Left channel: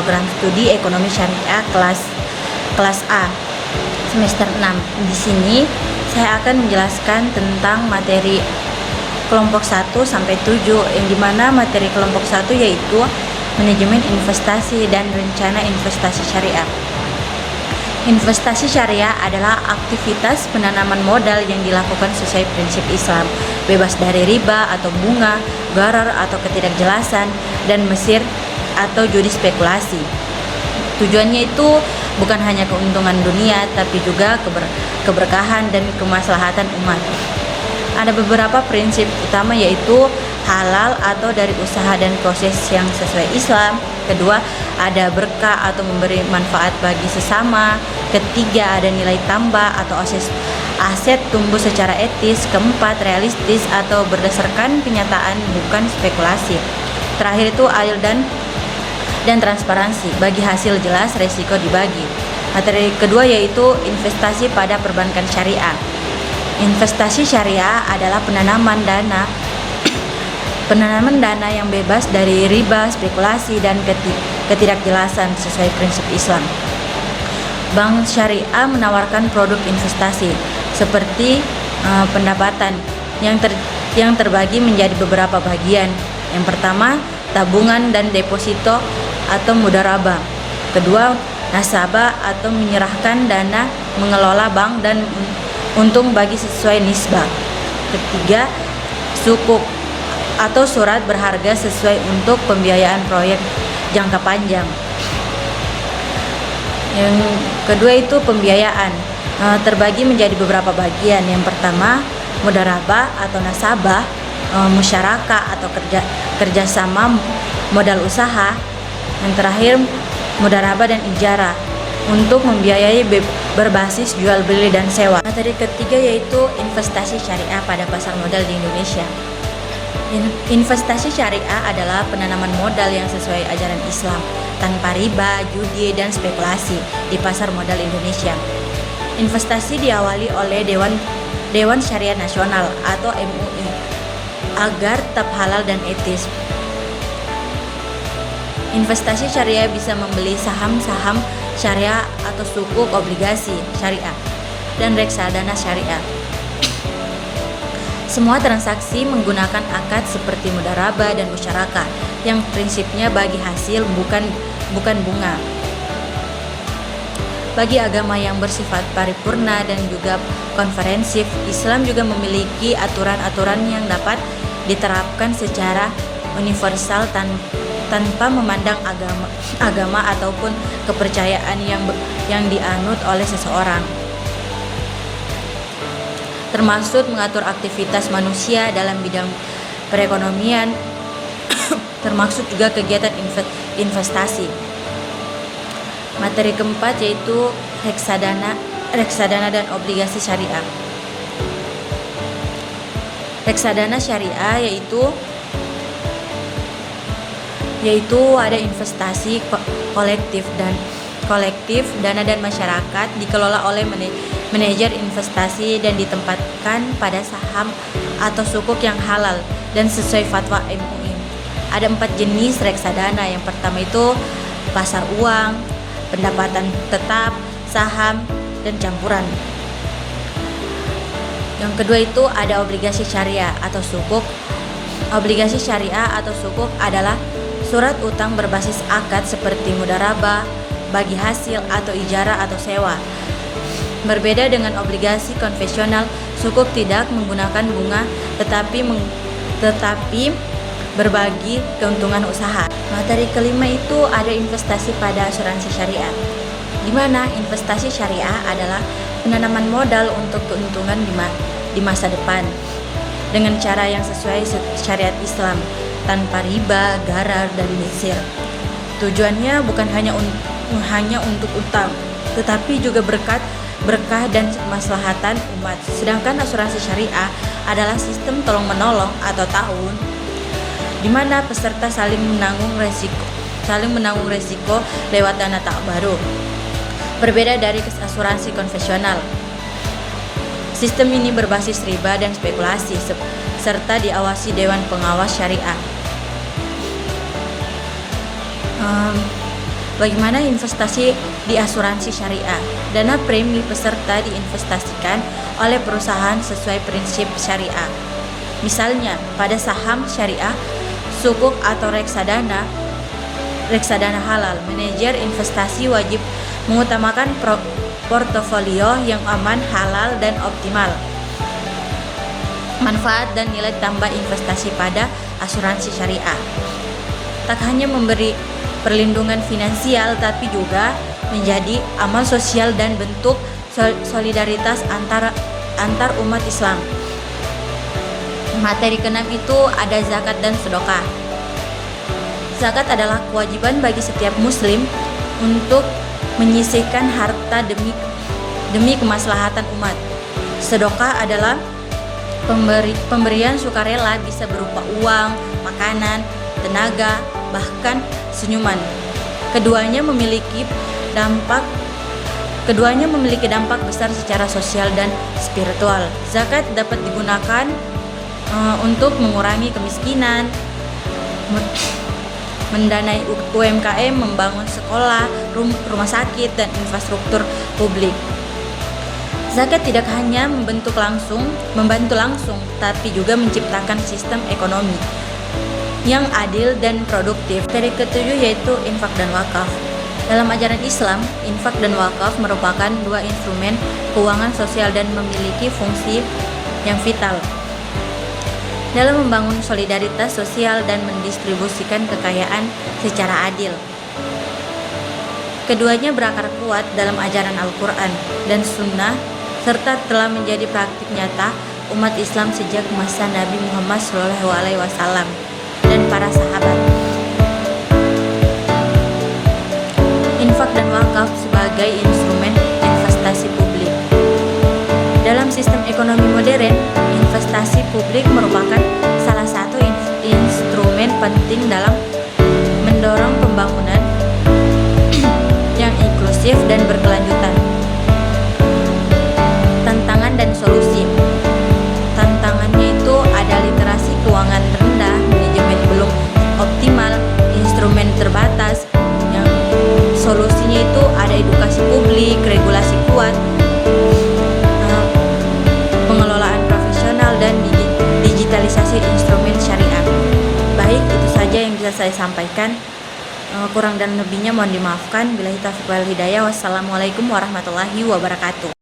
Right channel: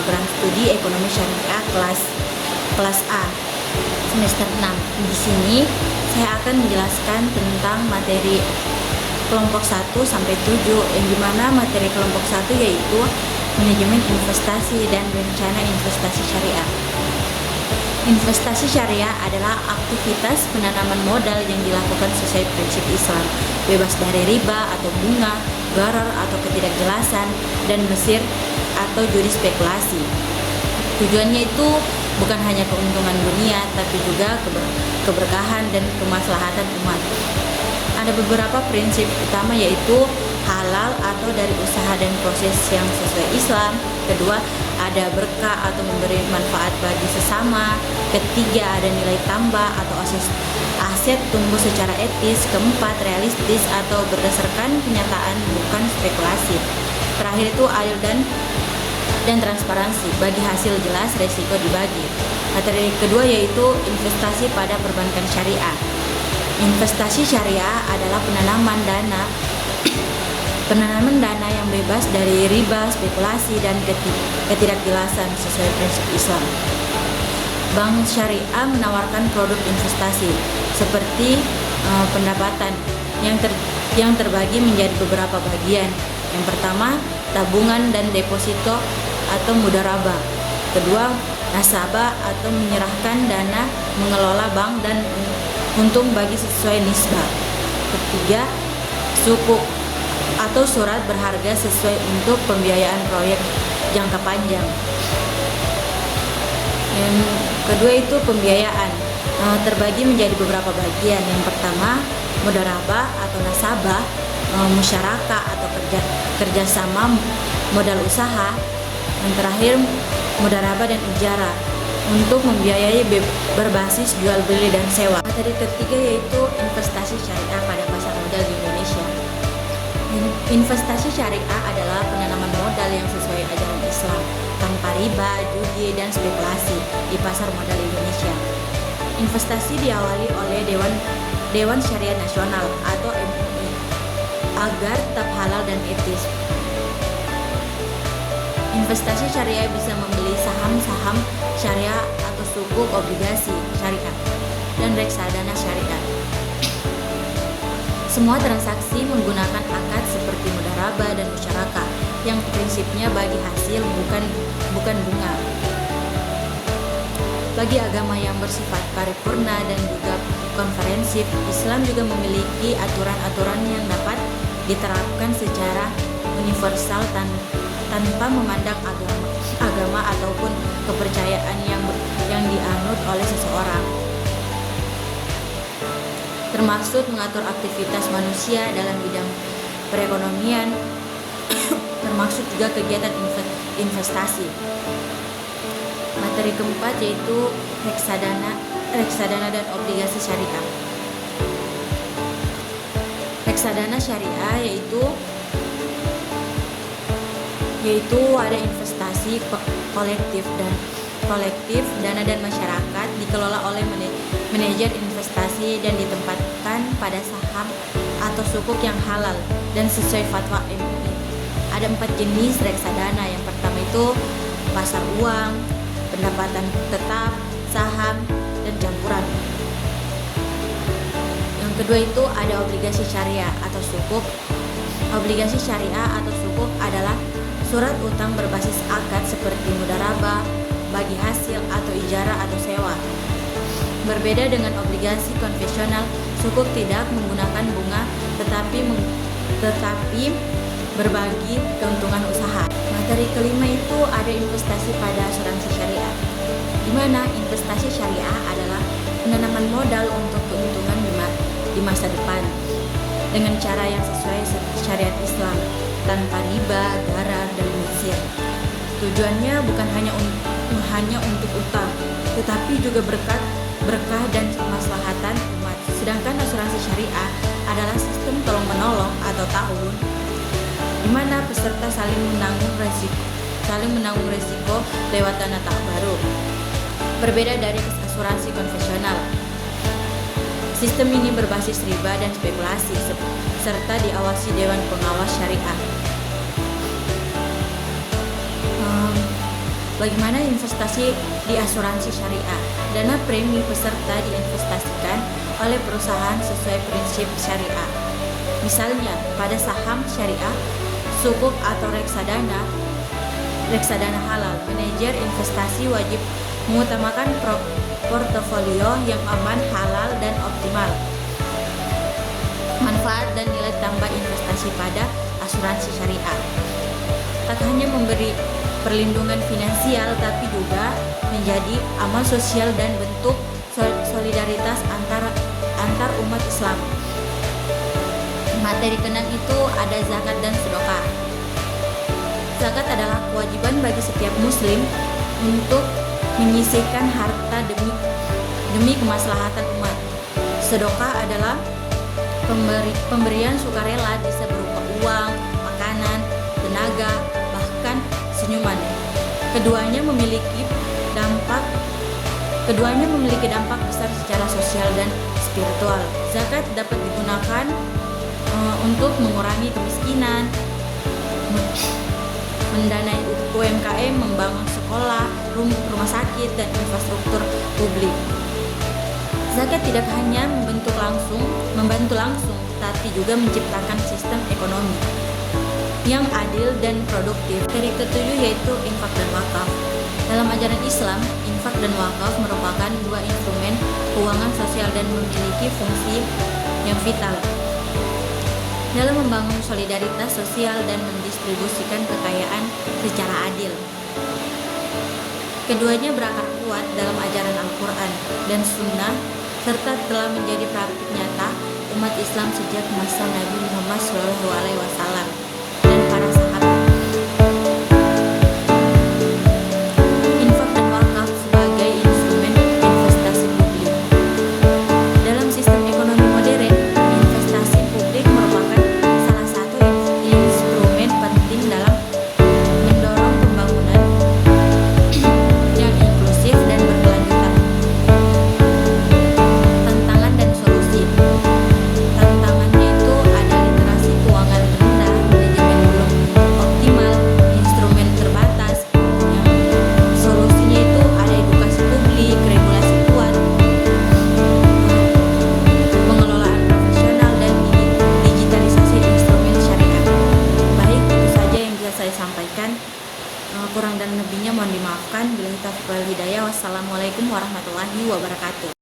program studi ekonomi syariah kelas A semester 6. Di sini saya akan menjelaskan tentang materi kelompok 1 sampai 7, yang dimana materi kelompok 1 yaitu manajemen investasi dan rencana investasi syariah. Investasi syariah adalah aktivitas penanaman modal yang dilakukan sesuai prinsip Islam, bebas dari riba atau bunga, gharar atau ketidakjelasan, dan mesir atau judi spekulasi. Tujuannya itu bukan hanya keuntungan dunia, tapi juga keberkahan dan kemaslahatan umat. Ada beberapa prinsip utama, yaitu halal atau dari usaha dan proses yang sesuai Islam. Kedua, ada berkah atau memberi manfaat bagi sesama. Ketiga, ada nilai tambah atau aset tumbuh secara etis. Keempat, realistis atau berdasarkan kenyataan, bukan spekulasi. Terakhir itu adil dan transparansi. Bagi hasil jelas, resiko dibagi. Materi kedua yaitu investasi pada perbankan syariah. Investasi syariah adalah penanaman dana yang bebas dari riba, spekulasi, dan ketidakjelasan sesuai prinsip Islam. Bank syariah menawarkan produk investasi seperti pendapatan yang terbagi menjadi beberapa bagian. Yang pertama, tabungan dan deposito atau mudharabah. Kedua, nasabah atau menyerahkan dana mengelola bank dan untung bagi sesuai nisbah. Ketiga, sukuk atau surat berharga sesuai untuk pembiayaan proyek jangka panjang. Yang kedua itu pembiayaan, terbagi menjadi beberapa bagian. Yang pertama, mudharabah atau nasabah, musyarakah atau kerjasama modal usaha. Yang terakhir, mudharabah dan ijarah untuk membiayai berbasis jual beli dan sewa. Materi ketiga yaitu investasi syariah pada pasar modal di Indonesia. Investasi syariah adalah penanaman modal yang sesuai ajaran Islam, tanpa riba, judi, dan spekulasi di pasar modal Indonesia. Investasi diawali oleh Dewan Syariah Nasional atau MUI agar tetap halal dan etis. Investasi syariah bisa membeli saham-saham syariah atau sukuk obligasi syariah dan reksadana syariah. Semua transaksi menggunakan akad seperti mudharabah dan musyarakah yang prinsipnya bagi hasil, bukan bunga. Bagi agama yang bersifat paripurna dan juga konferensif, Islam juga memiliki aturan-aturan yang dapat diterapkan secara universal tanpa memandang agama ataupun kepercayaan yang dianut oleh seseorang, termasuk mengatur aktivitas manusia dalam bidang perekonomian, termasuk juga kegiatan investasi. Materi keempat yaitu reksadana dan obligasi syariah. Reksadana syariah yaitu ada investasi kolektif, dana dan masyarakat dikelola oleh manajer investasi dan ditempatkan pada saham atau sukuk yang halal dan sesuai fatwa MUI. Ada 4 jenis reksadana. Yang pertama itu pasar uang, pendapatan tetap, saham, dan campuran. Yang kedua itu ada obligasi syariah atau sukuk. Obligasi syariah atau sukuk adalah surat utang berbasis akad seperti mudharabah, bagi hasil atau ijarah atau sewa. Berbeda dengan obligasi konvensional, sukuk tidak menggunakan bunga tetapi berbagi keuntungan usaha. Materi kelima itu ada investasi pada asuransi syariah, di mana investasi syariah adalah penanaman modal untuk keuntungan di masa depan dengan cara yang sesuai syariat Islam, tanpa riba, gharar, dan mesir. Tujuannya bukan hanya untuk utang, tetapi juga berkah dan kemaslahatan umat. Sedangkan asuransi syariah adalah sistem tolong-menolong atau ta'awun, di mana peserta saling menanggung resiko lewat dana baru. Berbeda dari asuransi konvensional, sistem ini berbasis riba dan spekulasi serta diawasi Dewan Pengawas Syariah. Bagaimana investasi di asuransi syariah? Dana premi peserta diinvestasikan oleh perusahaan sesuai prinsip syariah. Misalnya, pada saham syariah, sukuk atau reksadana halal, manajer investasi wajib mengutamakan portofolio yang aman, halal, dan optimal. Manfaat dan nilai tambah investasi pada asuransi syariah tak hanya memberi perlindungan finansial, tapi juga menjadi amal sosial dan bentuk solidaritas antar umat Islam. Materi keenam itu ada zakat dan sedekah. Zakat adalah kewajiban bagi setiap muslim untuk menyisihkan harta demi kemaslahatan umat. Sedekah adalah pemberian sukarela, bisa berupa uang, makanan, tenaga, bahkan senyuman. Keduanya memiliki dampak besar secara sosial dan spiritual. Zakat dapat digunakan untuk mengurangi kemiskinan, mendanai UMKM, membangun sekolah, rumah sakit, dan infrastruktur publik. Zakat tidak hanya membantu langsung, tapi juga menciptakan sistem ekonomi yang adil dan produktif. Materi ketujuh yaitu infak dan wakaf. Dalam ajaran Islam, infak dan wakaf merupakan dua instrumen keuangan sosial dan memiliki fungsi yang vital dalam membangun solidaritas sosial dan mendistribusikan kekayaan secara adil. Keduanya berakar kuat dalam ajaran Al-Quran dan Sunnah, serta telah menjadi praktik nyata umat Islam sejak masa Nabi Muhammad SAW dan para sahabat. Infak dan wakaf sebagai instrumen investasi publik. Dalam sistem ekonomi modern, investasi publik merupakan salah satu instrumen penting dalam mendorong pembangunan yang inklusif dan berkelanjutan. Tantangan dan solusi. Tantangannya itu ada literasi keuangan rendah, manajemen belum optimal, instrumen terbatas. Yang solusinya itu ada edukasi publik, regulasi kuat, pengelolaan profesional, dan digitalisasi instrumen syariah. Baik, itu saja yang bisa saya sampaikan. Kurang dan lebihnya mohon dimaafkan. Billahi taufiq wal hidayah. Wassalamualaikum warahmatullahi wabarakatuh.